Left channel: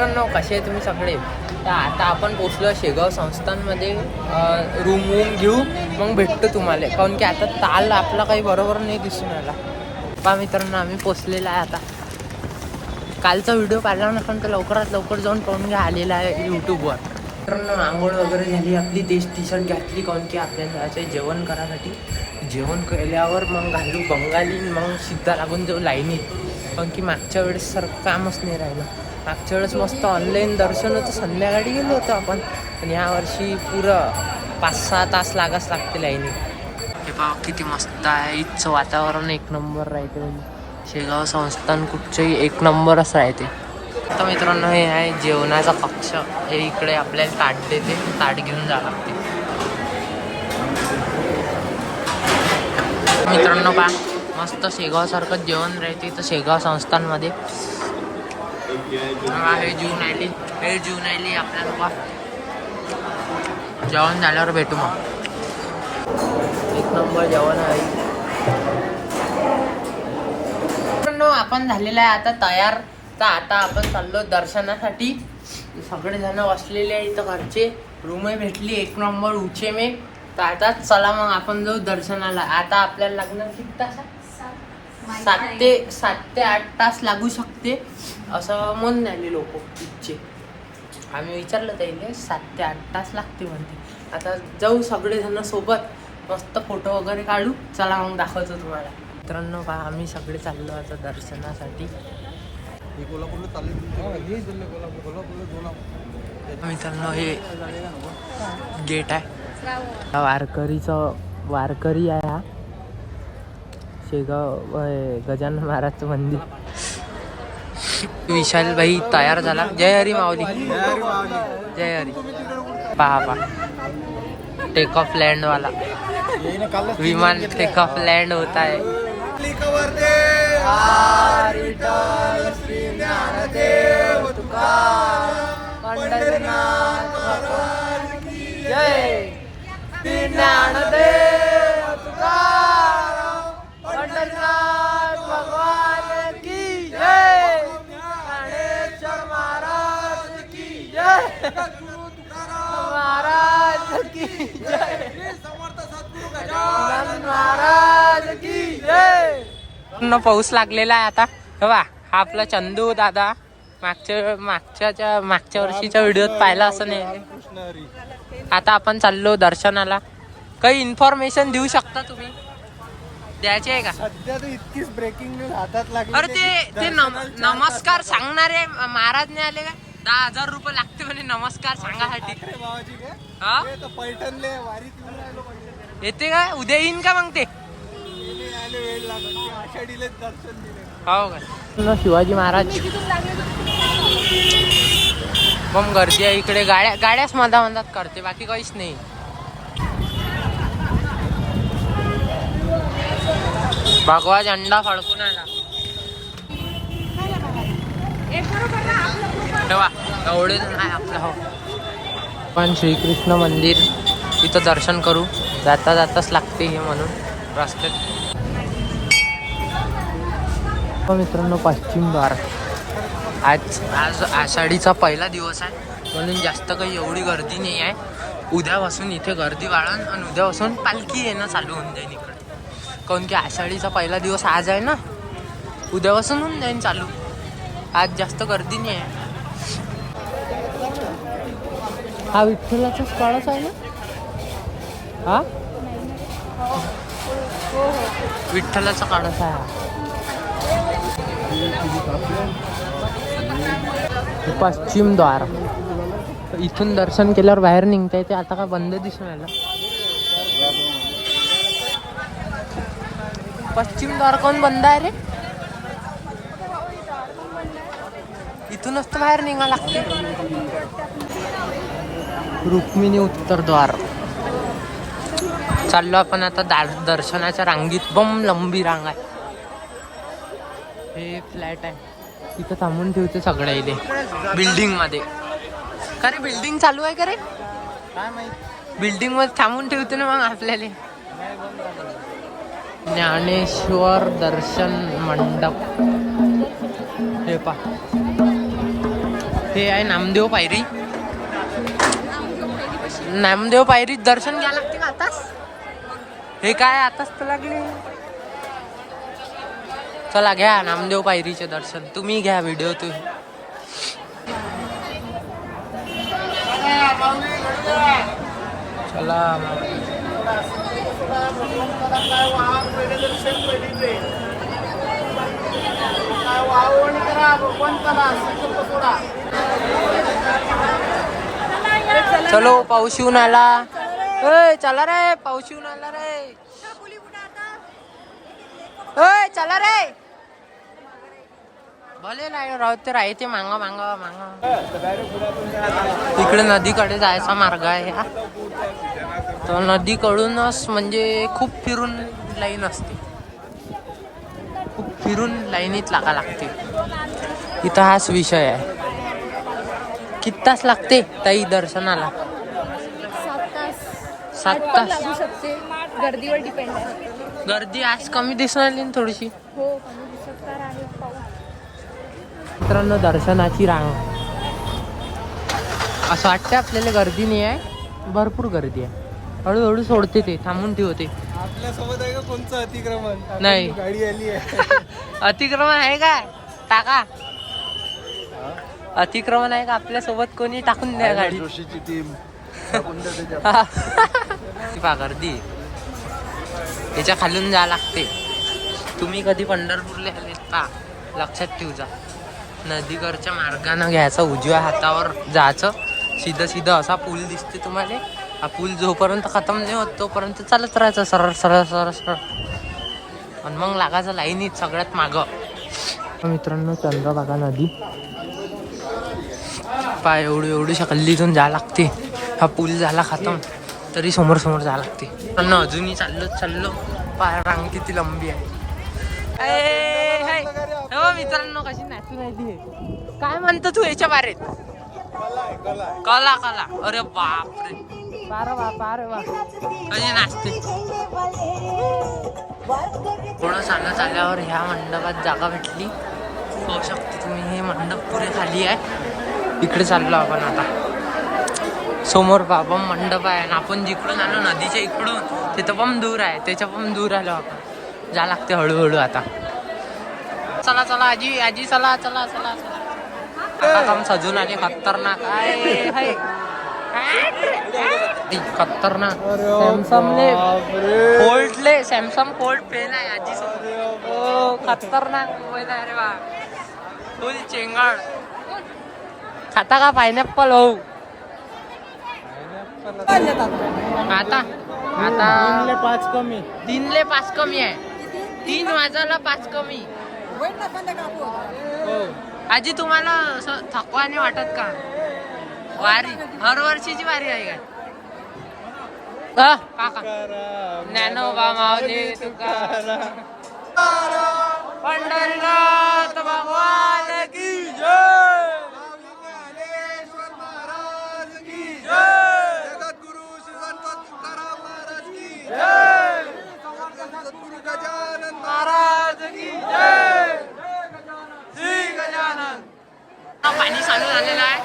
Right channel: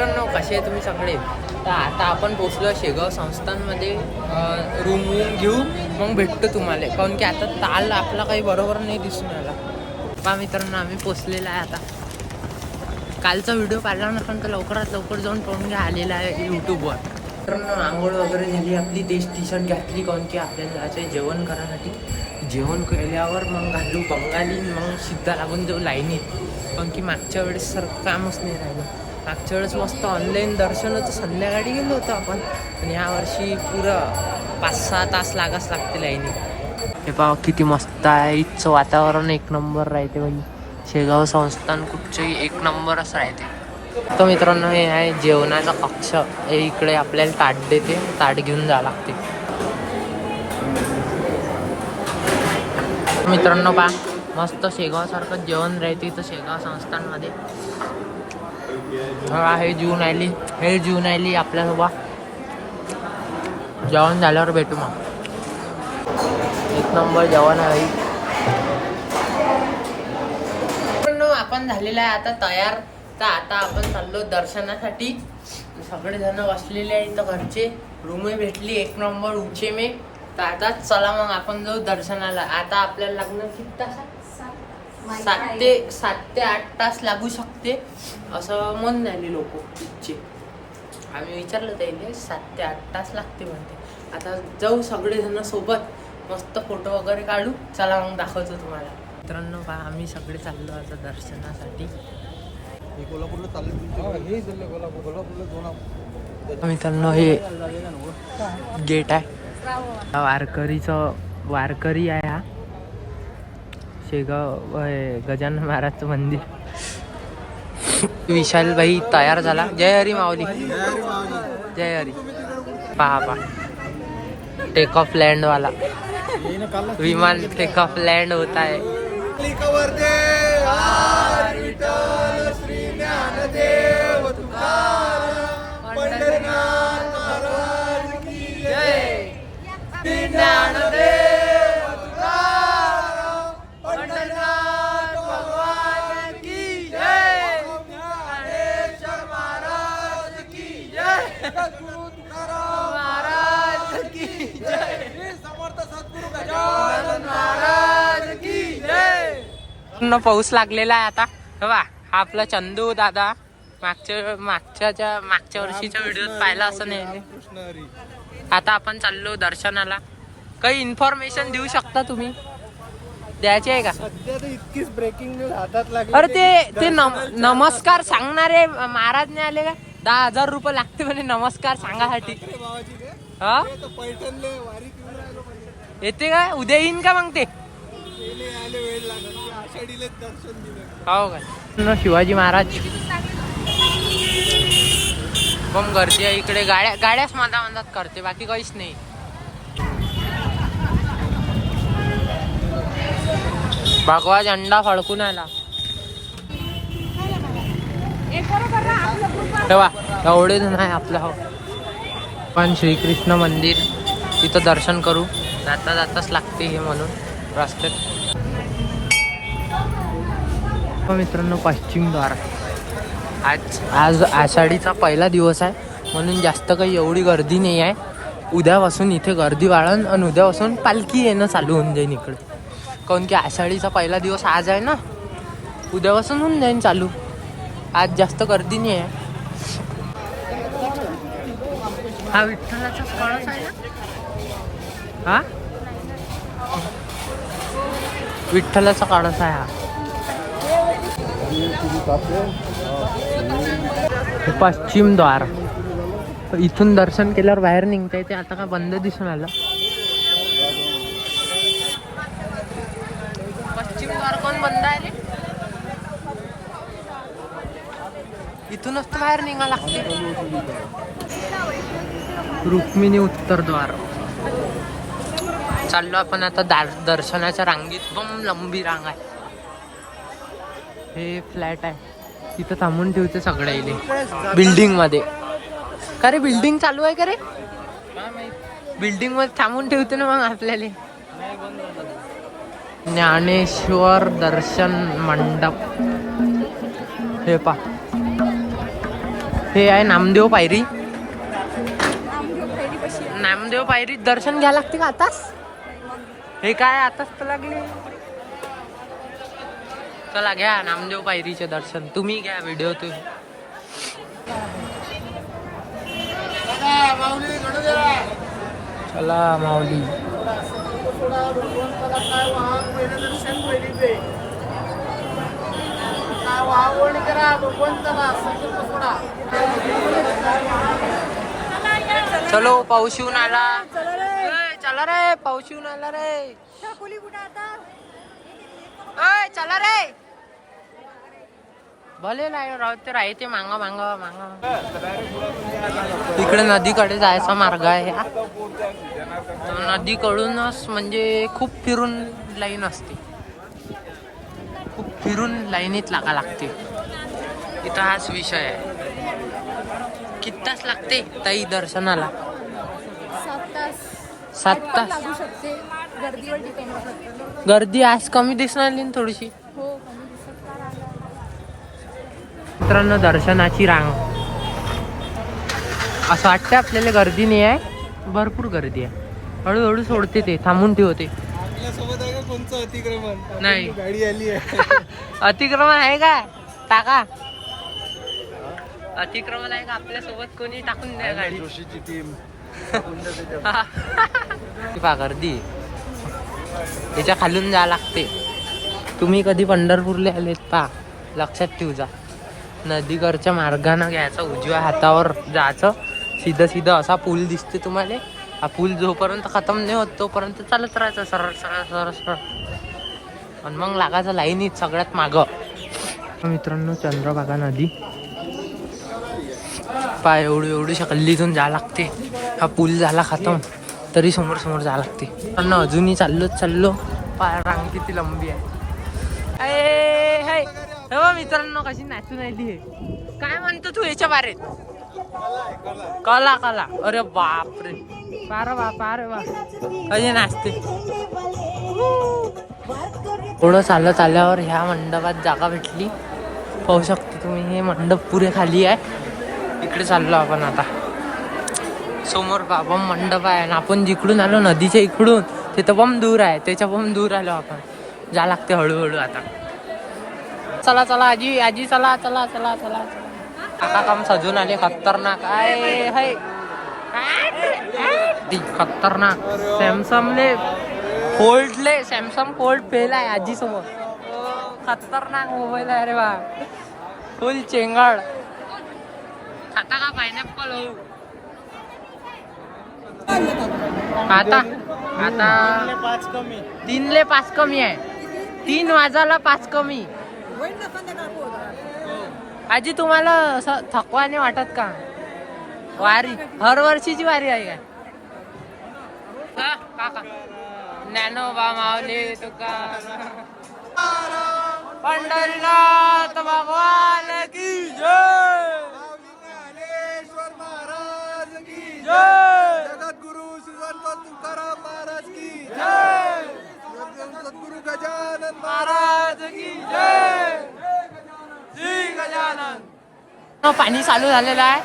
मित्रांनो, कसे आहे तुम्ही सगळे? तर आता आपण पोचलो शेगाव संस्थांमध्ये. रूम घेऊ, मग भेटतो तुम्हाला. काऊन की आता ताल आपला काही बरोबर नाही दिसून आला. पहा मित्रांनो, आम्ही पोचलेला आहे आता. कालचा व्हिडिओ पाहिला नसेल तर लवकरात लवकर जाऊन पाहून घ्या, आलेला आहे यूट्यूबवर. मित्रांनो, आंघोळ वगैरे झाली आपली. तेच टी शर्ट घातली, काऊन की आपल्याला जायचं जेवण करायसाठी. जेवण केल्यावर मग घालू बंगाली, मग सिद्धा लागून जाऊ लाईनीत. कारण की मागच्या वेळेस सारखं कामच नाही राहिलं. मागच्या वेळेस मस्त ऑनलाईन दर्शन होतं, संध्याकाळी गेलो होतो आपण. पण यावर्षी पुरं 5-6 तास लागाच लागते लाईनीत. हे पहा किती मस्त आहे. इथचं वातावरण एक नंबर राहते. म्हणजे शेगाव संस्थान कुठचंही एक नंबरच राहते. तर मित्रांनो, हे आहे जेवणाचा कक्ष. हे इकडे आपल्याला ताट देते, ताट घेऊन जावं लागते. मित्रांनो पहा, मस्त शेगावसारखं जेवण राहते इथं शेगाव संस्थांमध्ये. हे जीवन आली आपल्यासोबत. जेवण झाल्यावर भेटू मग. एक नंबर जेवण आहे. आपण झालेलं आहे आता तयार. तर आता आपण चाललो दर्शनासाठी. सगळेजण बसलेले आहे इथं. घरचे रूमही भेटली एक नंबर उचे मे. तर आता चला मग आपण जाऊ दर्शनाला. आता आपल्याला लागणार किती तास? 7 ते 8 तास लागू शकते असं म्हणून आले लोक इथचे. आम्ही विचारलं त्याला, 7 ते 8 तास लागते म्हणते. आता जाऊ सगळेजण सोबत, मस्त फोटो वगैरे काढू. चला मग दाखवतो तुम्हाला. मित्रांनो पहा, आम्ही सगळे चाललो आता दर्शनासाठी. मित्रांनो, हे गेट आहे. वारकरी आहे हा. शेगाव गजानन महाराजचं मंदिर. विशाल भाई तयार झाला. जय हरी माऊली, जय हरी. पहा टेक ऑफ लँड वाला विमान टेक ऑफ लँड होता है. पाऊस लागलेला आहे आता. बघा, हा आपला चंदू दादा. मागच्या वर्षीच्या व्हिडिओत पाहिला असं नाही. आता आपण चाललो दर्शनाला. काही इन्फॉर्मेशन देऊ शकता तुम्ही? द्यायची आहे का? सध्या तर इतकीच ब्रेकिंग न्यूज हातात लागली. अरे ते नमस्कार सांगणारे महाराज नाही आले का? 10,000 रुपये लागते म्हणे नमस्कार सांगासाठी. हा, पैठणले वारीत येते का? उद्या येईन का मग ते? वेळ लागत, आषाढीला दर्शन दिले. हो का? शिवाजी महाराज. पण गर्दी आहे इकडे. गाड्याच मधात करते, बाकी काहीच नाही. भगवा झेंडा फडकून आला. तेव्हा एवढे जण आहे आपलं. हो, पण श्रीकृष्ण मंदिर इथं दर्शन करू. जाताच लागते हे म्हणून रस्त्यात. मित्रांनो, पश्चिम द्वार. आज आषाढीचा पहिला दिवस आहे म्हणून जास्त काही एवढी गर्दी नाही आहे. उद्यापासून इथे गर्दी वाढन आणि उद्यापासून पालखी येणं चालू होऊन जाईल इकडे. काऊन की आषाढीचा पहिला दिवस आज आहे ना, उद्यापासून होऊन जाईन चालू. आज जास्त गर्दी नाही आहे. हा विठ्ठलाचाच कळस आहे ना? हा, विठ्ठलाचा कळस आहे हा. पश्चिम द्वार. इथून दर्शन केल्यावर बाहेर निघता येते. आता का बंद दिसून आलं? पश्चिम द्वार कोण बंद आहे रे? इथूनच तर बाहेर निघा लागते. रुक्मिणी उत्तर द्वार. चाललो आपण आता दर्शनाच्या रांगीत. बम लंबी रांग आहे. हे फ्लॅट आहे, तिथं थांबून ठेवते सगळे इले बिल्डिंग मध्ये. का रे, बिल्डिंग चालू आहे का रे? बिल्डिंग मध्ये थांबून ठेवते ना मग आपल्याला. ज्ञानेश्वर दर्शन मंडप. हे पा हे आहे नामदेव पायरी. नामदेव पायरीत दर्शन घ्या लागते का आताच? हे काय आताच तर लागले. चला घ्या नामदेव पायरीचे दर्शन. तुम्ही घ्या व्हिडिओ तुम्ही. चला माऊली. चलो पाऊस येऊन आला. चला रे पाऊस येऊन आला रे. चला रे. भले राहते राहते मांगा मांगा मांगा. तिकडे नदीकडे जायचा मार्ग आहे हा. तर नदीकडूनच म्हणजे खूप फिरून लाईन असते. खूप फिरून लाईनीत लागा लागते. इथं हाच विषय आहे. किती तास लागते ताई दर्शनाला? 7 तास लागू शकते. गर्दीवर डिपेंड आहे. गर्दी आज कमी दिसून आली ना थोडीशी. हो कमी दिसत तर आहे. मित्रांनो दर्शनाची रांग. असं वाटतं आपल्याला गर्दी नाही आहे. भरपूर गर्दी आहे. हळूहळू सोडते ते. थांबून ठेवते. आपल्यासोबत आहे का कोणचं अतिक्रमण? नाही. गाडी आली आहे. अतिक्रमण आहे का? टाका. अतिक्रमण आहे का आपल्या सोबत? कोणी टाकून द्या गाडी. टीम. गर्दी त्याच्या खालून जा लागते. तुम्ही कधी पंढरपूरला आलेत पा लक्षात ठेवजा. नदीकडच्या मार्गाने घ्यायचा. उजव्या हातावर जायचं. सीधा सीधा असा पूल दिसते तुम्हाला. हा पूल जोपर्यंत खतम नाही होत तोपर्यंत चालत राहायचं सरळ सरळ सरळ सरळ. आणि मग लागायचं लाईनीत सगळ्यात मागं. मित्रांनो चंद्रभागा नदी पाय एवढी शकल्लीतून जा लागते. हा पूल झाला खतम तरी समोर समोर जा लागते. पण अजूनही चाललो. पाय रांग किती लंबी आहे. हो मित्रांनो कशी नाचून राहिली. काय म्हणतो तू याच्या बारेत? कला कला. अरे बापरे. अरे बाप अरे वा कशी नाचते. थोडं चालत आल्यावर ह्या मंडपात जागा भेटली. पाहू शकतो तुम्ही. हे मंडप पुरे खाली आहे. इकडे चाललो आपण आता. समोर बाबा मंडप आहे. आणि आपण जिकडून आलो नदीच्या इकडून तिथं पण दूर आहे. त्याच्या पण दूर आलो आपण. जा लागते हळूहळू आता. चला चला आजी आजी चला चला चला चला. काका काम सजून आले. खतरनाक आहे. खतरनाक. सॅमसंगले फोल्डले सॅमसंग फोल्ड फेल आहे आजी सोबत. खतरनाक मोबाईल आहे रे बा. फुल चेंगळ. खाता का पायनॅपल? हो आता 3ले 5 कमी आहे. 3 वाजायला 5 कमी. आजी तुम्हाला असं थकवा नाही वाटत का? वारी हर वर्षीची वारी आहे काय? काका ज्ञानोबा माऊली तुकाराम पंढरीनाथ भगवान की जय. जगद्गुरु श्री संत तुकाराम महाराज की जय. सद्गुरु गजानन महाराज की जय. श्री गजानन. पाणी चालू झालेलं आहे.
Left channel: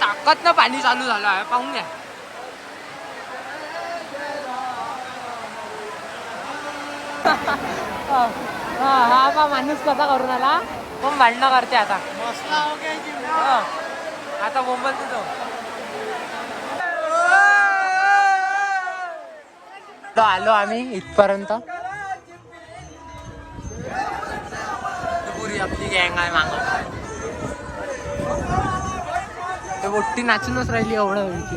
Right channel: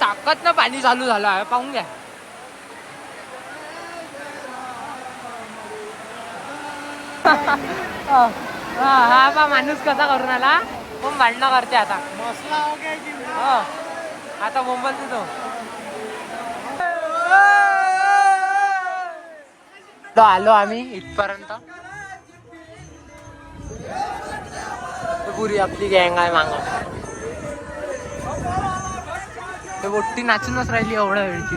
ताकदनं पाणी चालू झालं आहे. पाहून घ्या. हा पा माणूस कसा करून आला. पण भांडणं करते आता. आता मुंबईत तो आलो आम्ही इथपर्यंत. पुरी आपली गँग आहे माग. ते मोठी नाचूनच राहिली एवढ्या वेळची.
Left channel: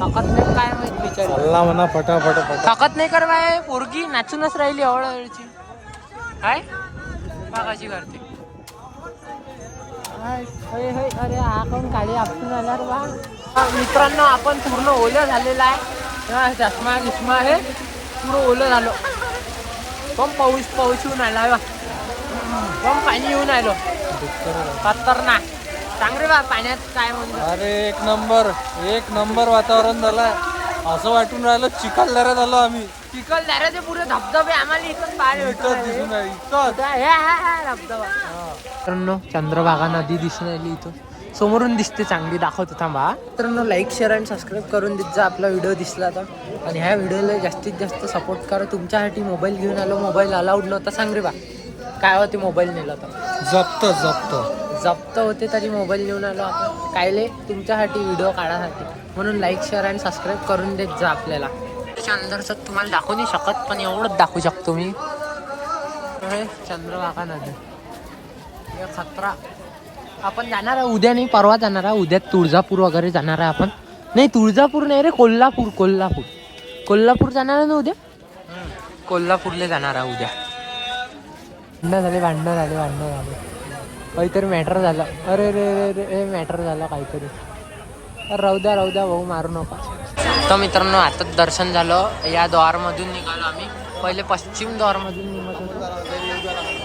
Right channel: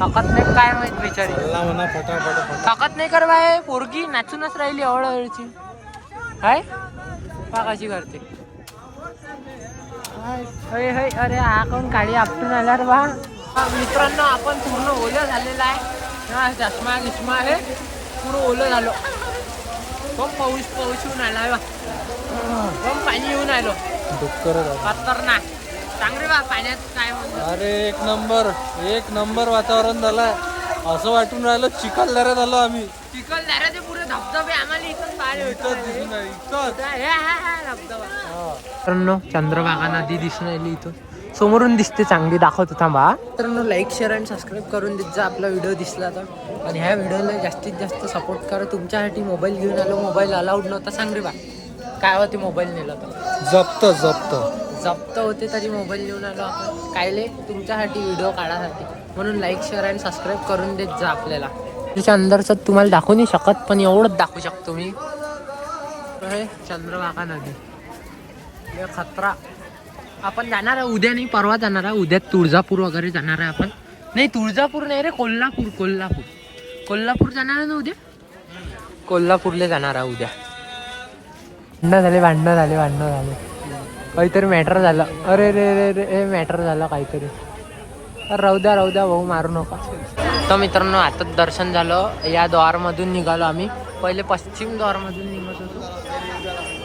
थकत नाही काय माहित बिचारी. म्हणा फटाफट. थकत नाही कर बाय. पोरगी नाचूनच राहिली एवढ्या वेळची. काय पा कशी करते. अरे हा कोण काळी आपटून आला रे बा. मित्रांनो आपण पूर्ण ओलं झालेलं आहे. चष्मा गिष्मा हे पूर्ण ओलं झालो. पण पाऊस येऊन आला. पण पाणी येऊन आलो. खतरनाक. सांग रे बा पाण्यात काय म्हणतो. अरे एक नंबर वातावरण झालं. असं वाटून राहिलं चिखलदऱ्यात आलो आम्ही. चिखलदऱ्या ते पुरे धबधबे आम्हाला इथं मित्रांनो चंद्रभागा नदी दिसून राहिली इथून समोरून दिसते चांगली दाखवतो थांबा. मित्रांनो लाईक शेअर आणि सबस्क्राईब करून देत जा आपला व्हिडिओ दिसला तर. आणि ह्या व्हिडिओला जास्तीत जास्त सपोर्ट करा. तुमच्यासाठी मोबाईल घेऊन आलो. मोबाईल अलाउड नव्हता सांग रे बा. काय होते मोबाईल नेला तर जप्त होते तरी मोबाईल घेऊन आलो आपण कायले तुमच्यासाठी व्हिडिओ काढासाठी. म्हणून लाईक शेअर आणि सबस्क्राईब करून देत जा आपल्याला. त्याच्या अंदरचं तुम्हाला दाखवू नाही शकत पण एवढंच दाखवू शकतो मी. हे चंद्रभागा नदी हे खतरा. आपण जाणार आहे उद्या नाही परवा जाणार आहे. उद्या तुळजापूर वगैरे जाणार आहे आपण. नाही तुळजापूर नाही रे कोल्हापूर जाणार आहे ना उद्या. कोल्हापूरला जाणार आहे उद्या. भांडणं झाले काहीतरी मॅटर झालं. अरे रे मॅटर झालं काहीतरी. राहू द्या भाऊ मारू नका. तर मित्रांनो आता दर्शन झालं. या द्वारमधून निघालो आम्ही. पहिले पश्चिम द्वारमधून निघत होतो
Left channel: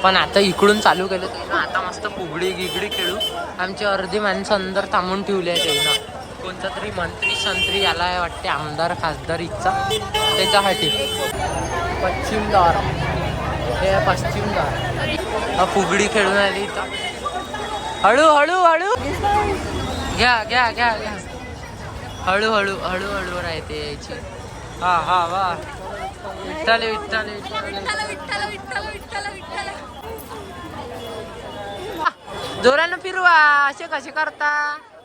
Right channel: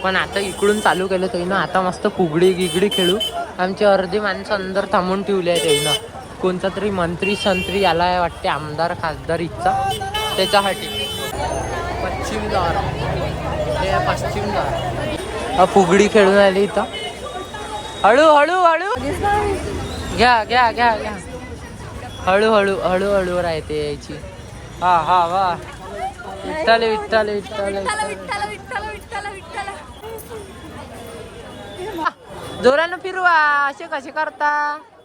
पण आता इकडून चालू केलं त्यानं. आता मस्त फुगडी गिगडी खेळू. आमची अर्धी माणसं अंदर थांबून ठेवली आहे त्यानं. कोणता तरी मंत्री संत्री याला वाटते आमदार खासदार इच्छा त्याच्यासाठी. पश्चिम द्वार हे पश्चिम द्वार. फुगडी खेळून आली इथं. हळू घ्या हळू राहते यायची. हा वा विठ्ठल जोरानं फिरवा. असे कसे करता.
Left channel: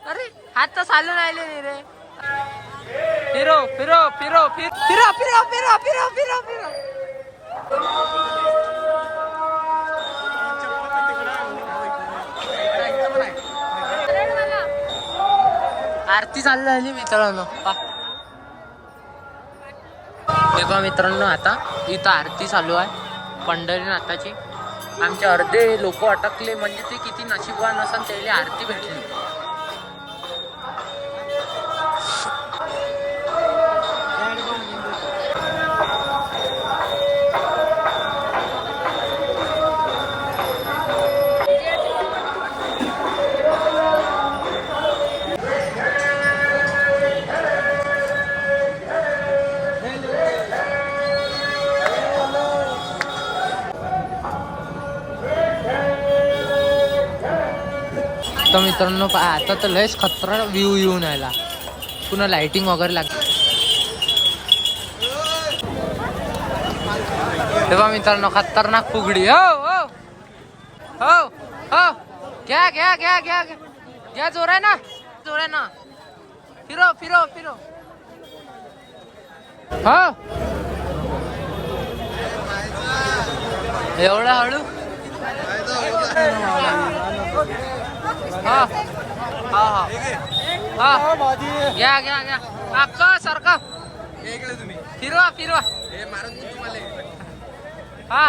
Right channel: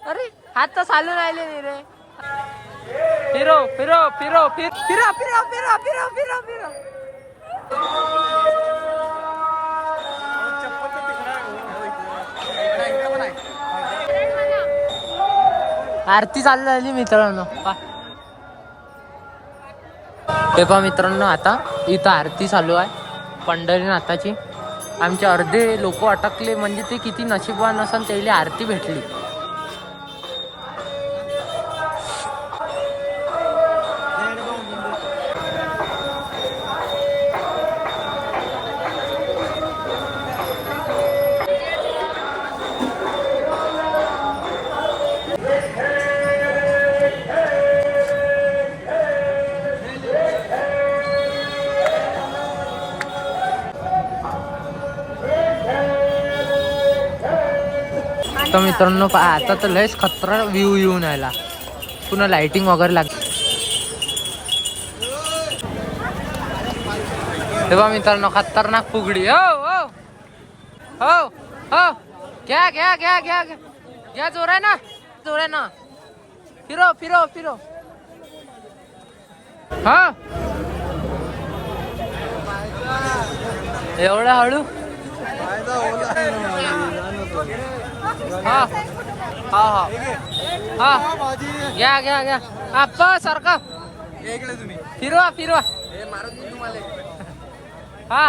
अरे हात तर चालून राहिले नाही रे. फिरो आरती चालू झाली मित्रांनो. हे पहा मित्रांनो आता इथं आरती चालू आहे पंढरीनाथाची. आमचे अर्धे लोक अटकले म्हणजे ते किती नशीबवान असेल त्याला आरती भेटली. तर मित्रांनो आता तर लयच खतरा व्ह्यू येऊन आला. पुन्हा लाइटिंग वगैरे लागली. तेव्हा मित्रांनो खतरनाक फुगडी. हो घ्या जोरानं फिरो हा एवढं हळू. हा घ्या आप्पा सारखा फिरवा हा